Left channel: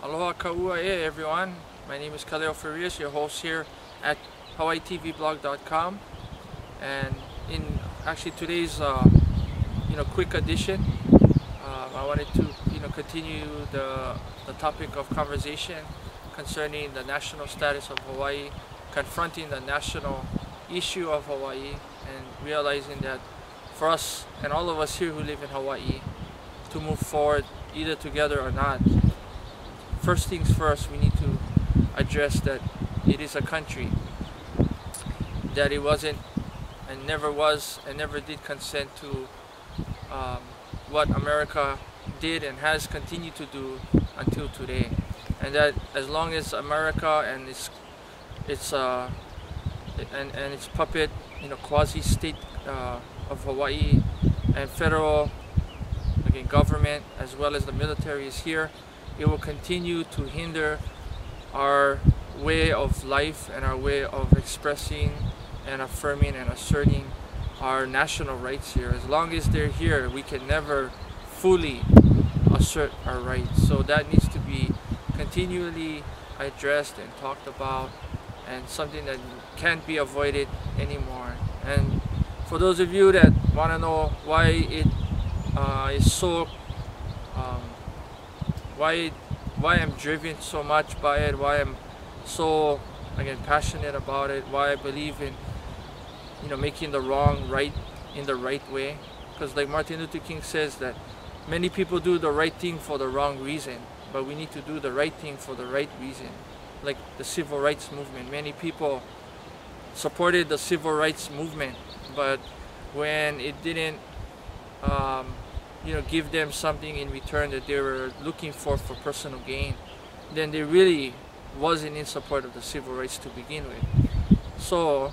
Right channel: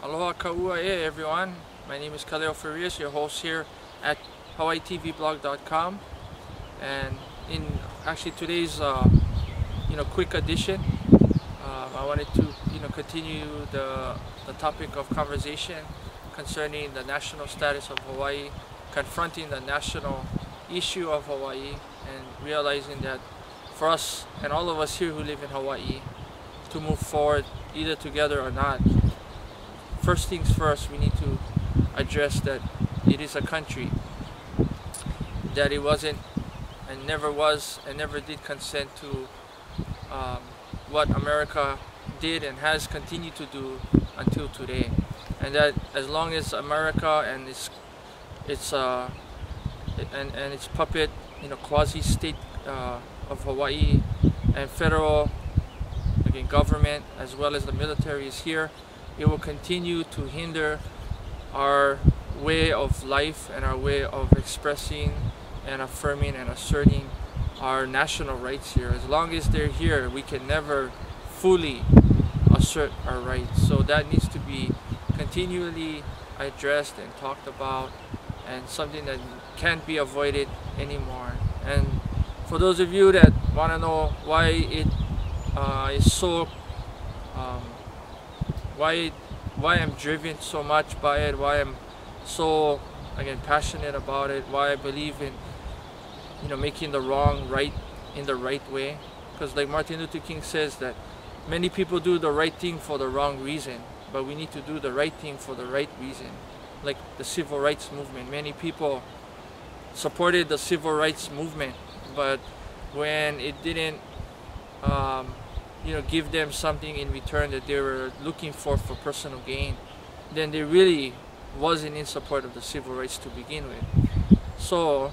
Aloha ka'ua e everyone. My name is Kaleo Farias, your host here at HawaiiTVblog.com, and in actually today's quick edition, I wanted to continue the topic of conversation concerning the national status of Hawaii, confronting the national issue of Hawaii, and realizing that for us and all of us here who live in Hawaii to move forward either together or not, first things first, we need to address that it is a country, that it wasn't and never was and never did consent to what America did and has continued to do until today, and that as long as America and its puppet, quasi-state of Hawaii and federal government as well as the military is here, it will continue to hinder our way of life and our way of expressing and affirming and asserting our national rights here. As long as they're here, we can never fully assert our rights. So that needs to be continually addressed and talked about, and something that can't be avoided anymore. And for those of you that want to know why it is so why I'm driven so much by it, why I'm so passionate about it, why I believe in making the wrong right in the right way, because like Martin Luther King says that many people do the right thing for the wrong reason, but we need to do the right thing for the right reason. Like the civil rights movement, many people supported the civil rights movement, but when it didn't give them something in return that they were looking for personal gain, then they really wasn't in support of the civil rights to begin with. So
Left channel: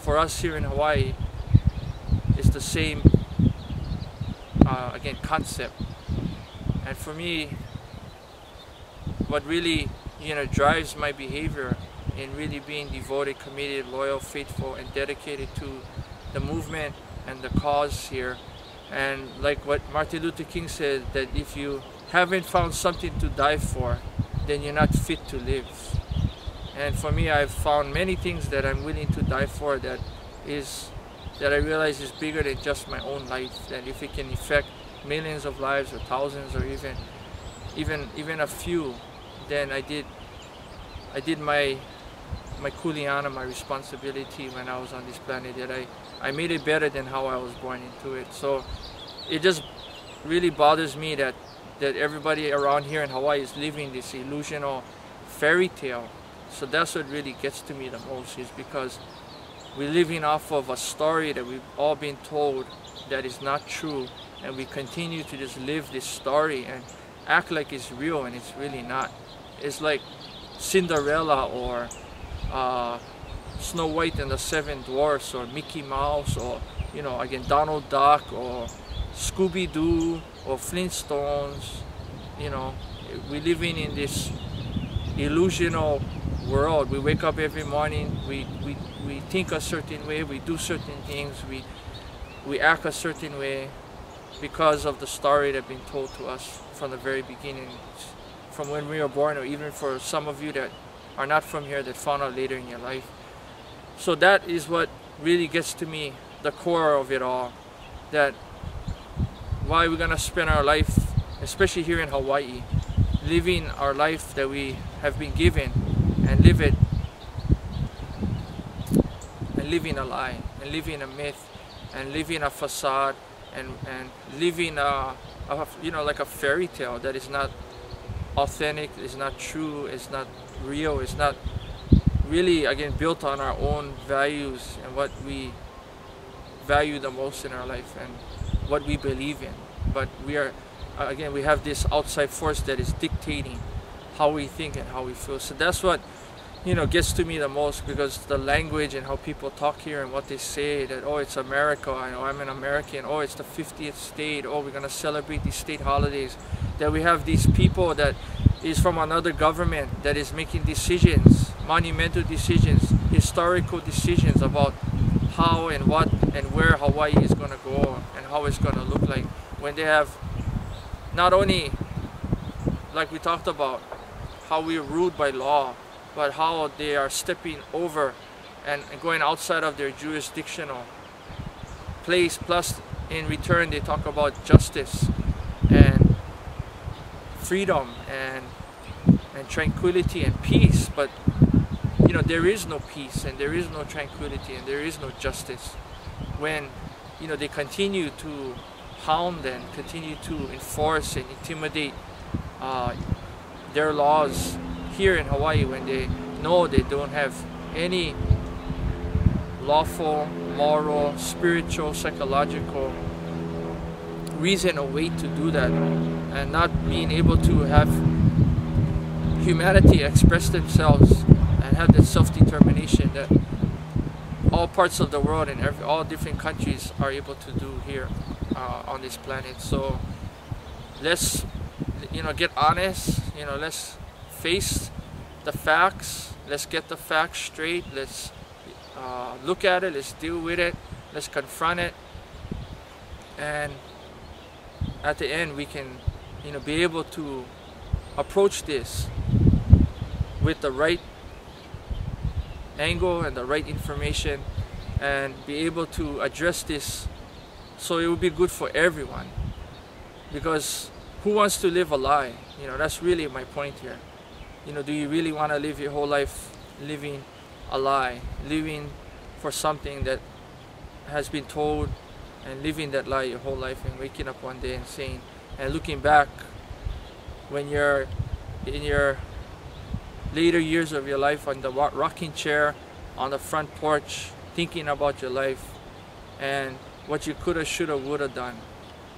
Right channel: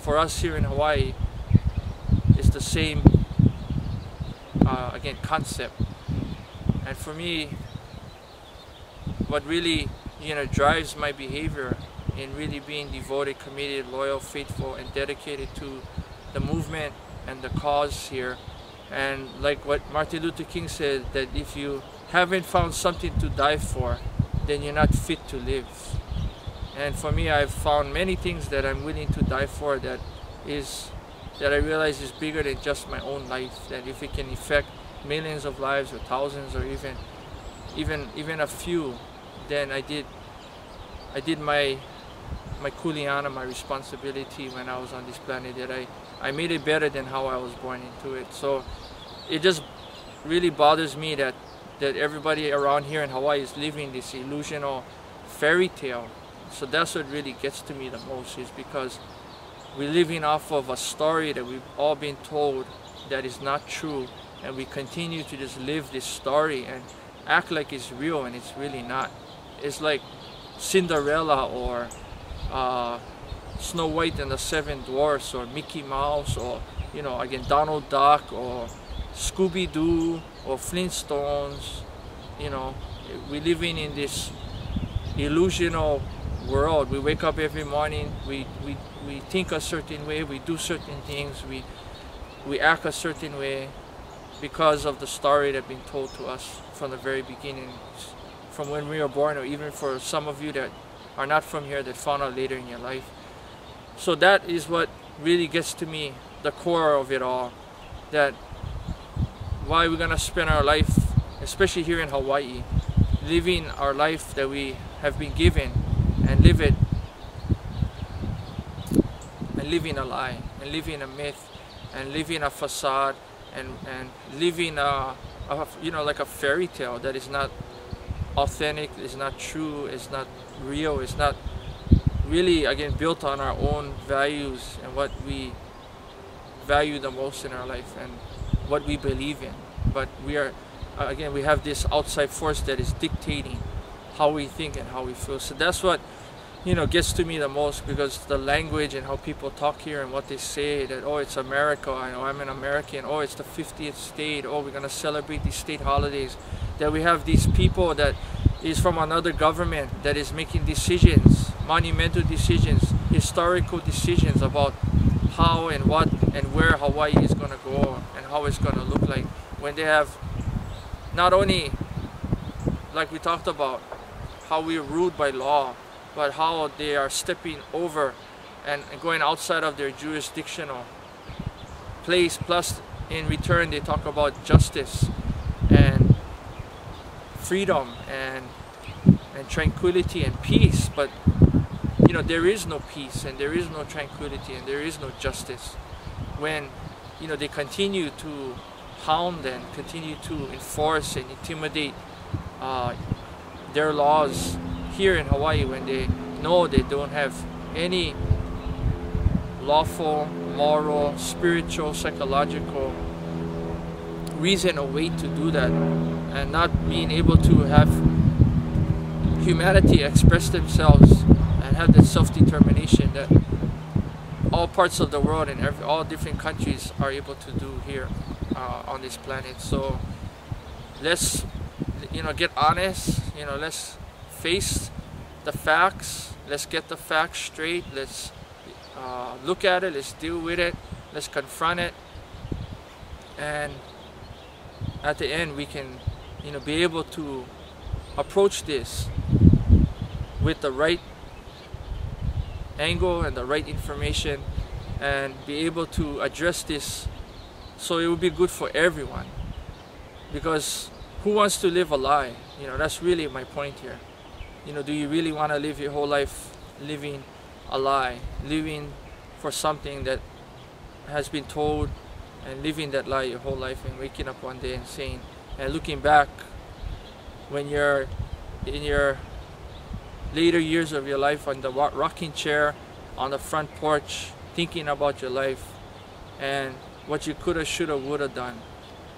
for us here in Hawaii, it's the same concept. And for me, what really drives my behavior in really being devoted, committed, loyal, faithful, and dedicated to the movement and the cause here. And like what Martin Luther King said, that if you haven't found something to die for, then you're not fit to live. And for me, I've found many things that I'm willing to die for that I realize is bigger than just my own life. That if it can affect millions of lives or thousands or even a few, then I did my kuleana, my responsibility when I was on this planet, that I made it better than how I was born into it. So it just really bothers me that everybody around here in Hawaii is living this illusional fairy tale. So that's what really gets to me the most, is because we're living off of a story that we've all been told that is not true, and we continue to just live this story and act like it's real, and it's really not. It's like Cinderella or Snow White and the Seven Dwarfs, or Mickey Mouse, or Donald Duck, or Scooby-Doo, or Flintstones. We're living in this illusional world. We wake up every morning, we think a certain way, we do certain things, we act a certain way because of the story that's been told to us from the very beginning, from when we were born, or even for some of you that are not from here that found out later in your life. So that is what really gets to me, the core of it all, that why we're gonna spend our life, especially here in Hawaii, living our life that we have been given, and live it, and living a lie, and living a myth, and living a facade, and living like a fairy tale that is not authentic, is not true, is not real, is not really built on our own values and what we value the most in our life and what we believe in. But we have this outside force that is dictating how we think and how we feel. So that's what gets to me the most, because the language and how people talk here and what they say, that oh, it's America, I'm an American, oh, it's the 50th state, oh, we're gonna celebrate these state holidays, that we have these people that is from another government that is making decisions, monumental decisions, historical decisions about how and what and where Hawaii is going to go and how it's going to look like, when they have not only, like we talked about, how we are ruled by law, but how they are stepping over and going outside of their jurisdictional place. Plus, in return, they talk about justice and freedom and tranquility and peace. But you know, there is no peace and there is no tranquility and there is no justice when, you know, they continue to hound and continue to enforce and intimidate their laws here in Hawaii, when they know they don't have any lawful, moral, spiritual, psychological reason or way to do that, and not being able to have humanity express themselves and have that self-determination that all parts of the world and all different countries are able to do here on this planet. So let's, you know, get honest. You know, let's face the facts. Let's get the facts straight. Let's look at it. Let's deal with it. Let's confront it. And at the end, we can, you know, be able to approach this with the right angle and the right information, and be able to address this so it will be good for everyone. Because who wants to live a lie? You know, that's really my point here. You know, do you really want to live your whole life living a lie, living for something that has been told, and living that lie your whole life, and waking up one day and saying, and looking back when you're in your later years of your life on the rocking chair on the front porch, thinking about your life and what you coulda, shoulda, woulda done.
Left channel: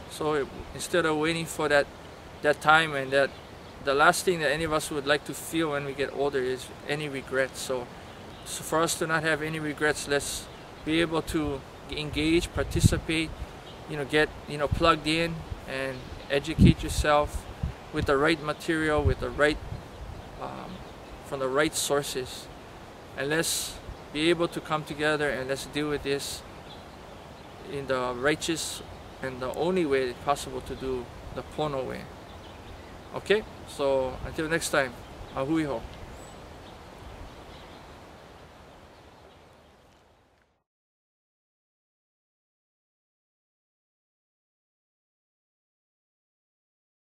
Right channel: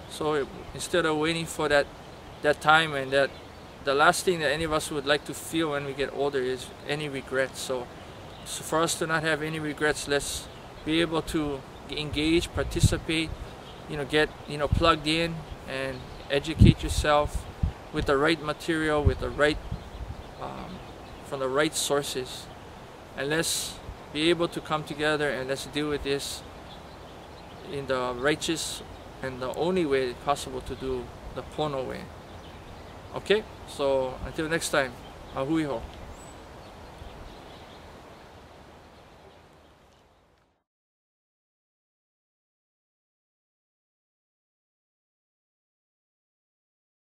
So instead of waiting for that time, and that the last thing that any of us would like to feel when we get older is any regrets. So for us to not have any regrets, let's be able to engage, participate, you know, get, you know, plugged in and educate yourself with the right material, with the right from the right sources, and let's be able to come together and let's deal with this in the righteous and the only way possible to do, the Pono way. Okay, so until next time, Hui Ho.